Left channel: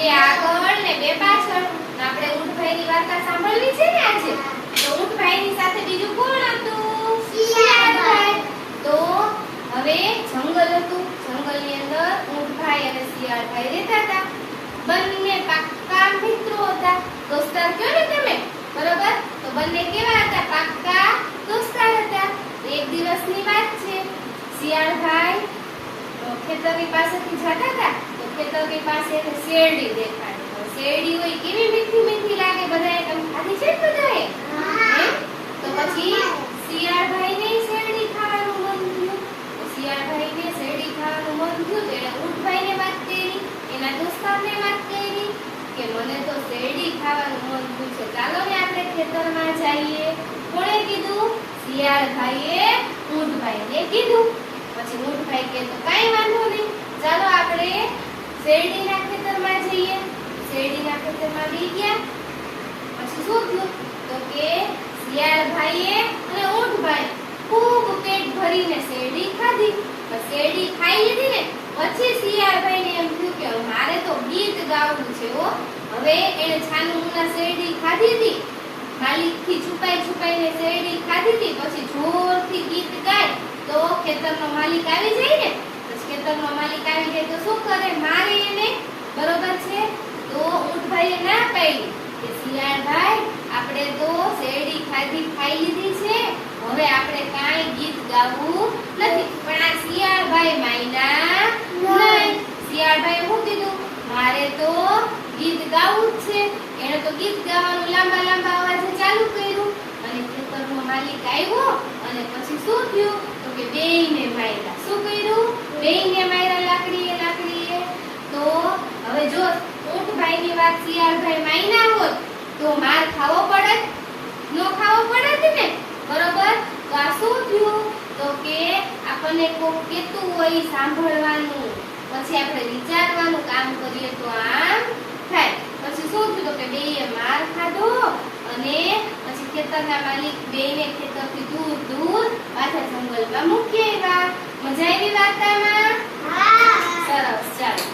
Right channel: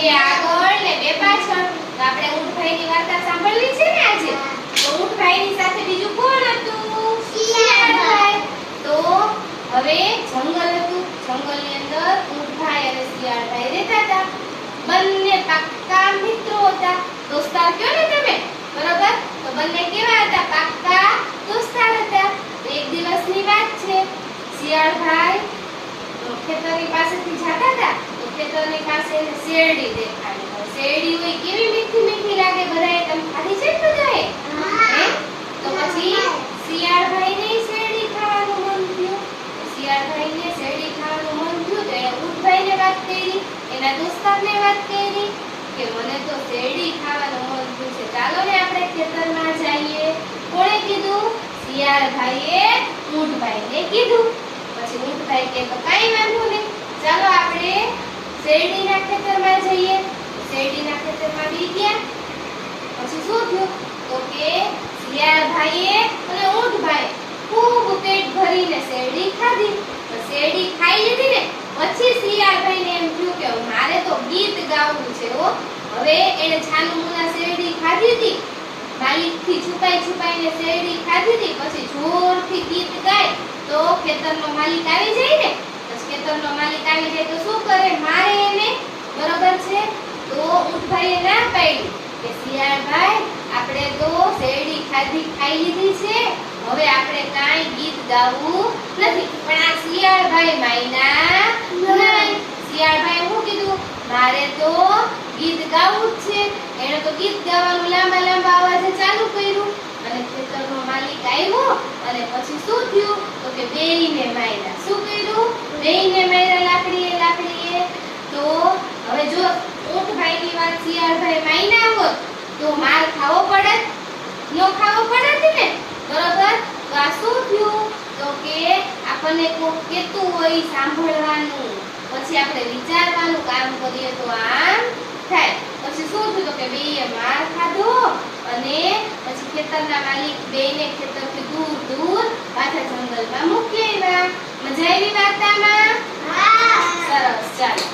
બે આગળ ને બે પાછળ. તો આપણે ઊંટભાઈની વાર્તા સાંભળવી છે ને આજે. તો ઊંટભાઈની સાથે બીજું કોણ હતું? શિયાળભાઈ. તો હવે જંગલ હતું. જંગલની અંદર ઊંટભાઈ અને શિયાળભાઈ રહેતા હતા. બંને પાક્કા મિત્રો હતા. દોસ્તાર કયો ને તમે, બરોબર? તો બંને કેવા હતા? પાક્કા દોસ્તાર હતા. એક દિવસની વાત છે. શિયાળભાઈ ખેતરની પાસેથી જતા હતા. તો ખેતરની પાસે શેરડી દેખાડી. શેરડી હોય કેવી મીઠી મીઠી લાગે. બધાએ તમે ખાધી છે બધાએ? તો પછી શિયાળભાઈને શેરડી ખાવાનું મન થયું. શિયાળભાઈને શેરડી ખાવાનું મન થયું તો એણે ઊંટભાઈને વાત કરી, એના દોસ્તારને વાત કરી કે મને તો શેરડી ખાવાનું મન થયું છે, ચાલો ને આપણે ખેતરમાં જઈએ. કોણે કીધું? શિયાળભાઈએ ઊંટભાઈને કીધું. પછી ઊંટભાઈ કે તો કાઈ વાંધો નહીં, ચાલો આપણે શેરડીના ખેતરમાં જઈએ. શેરડીના ખેતરમાં બી ગયા. પછી શું થયું? તો કે શિયાળભાઈએ અને ઊંટભાઈ ખૂબ પેટ ભરીને શેરડી ખાધી. શેરડી ખાઈ લીધી ને પછી શિયાળભાઈને એમ થયું કે મારે તો ગીત ગાવું છે હો. હવે એને છાનમુના શેરડી ખાધી હતી, માલિકથી છુપાઈને શેરડી ખાધી હતી. પછી જોરથી ગીત ગાય તો ખેતરનો માલિક આવી જાય ને. પછી ખેતરનો માલિક આવી જાય તો શું કરે? મારે એને, બરોબર છે? તો ઊંટભાઈએ ના પાડી કે શિયાળભાઈ આપણે તો શેરડી ખાઈ લીધી છે, હવે આપણે કાઈ ગીત ગાવું નથી. પણ આ શિયાળભાઈ માયના નહીં. શિયાળભાઈએ શું કીધું? મારે તો ગીત ગાવું જ છે. એણે તો ગીત ગાવાનું લાંબા લાંબા અવાજે ચાલુ કર્યું અને ખેતરનો માલિક આવ્યો અને પછી શું થયું? તો કે બેયને માર્યા. શું કર્યું? બેયને માર્યા લાકડીએ. તો હવે જો ઊંટભાઈની વાત શિયાળભાઈ માયના હોત તો માર ખાવો પડત? નો ખાવો પડત ને, બરોબર? તો આ શું થયું? તો કે આપણને કોક કહેતું હોય સાંભળવાનું, પછી આપણે વિચારવાનું કામ કરીએ તો આમ થાય. પછી શું થયું? તો કે બેયે માર ખાધો અને પછી ખેતરના માલિક બેયને ખેતરથી દૂર પાછા જંગલમાં મૂકી આવ્યા. મજા આવી વાર્તામાં? હા, સરસ. ચાલો.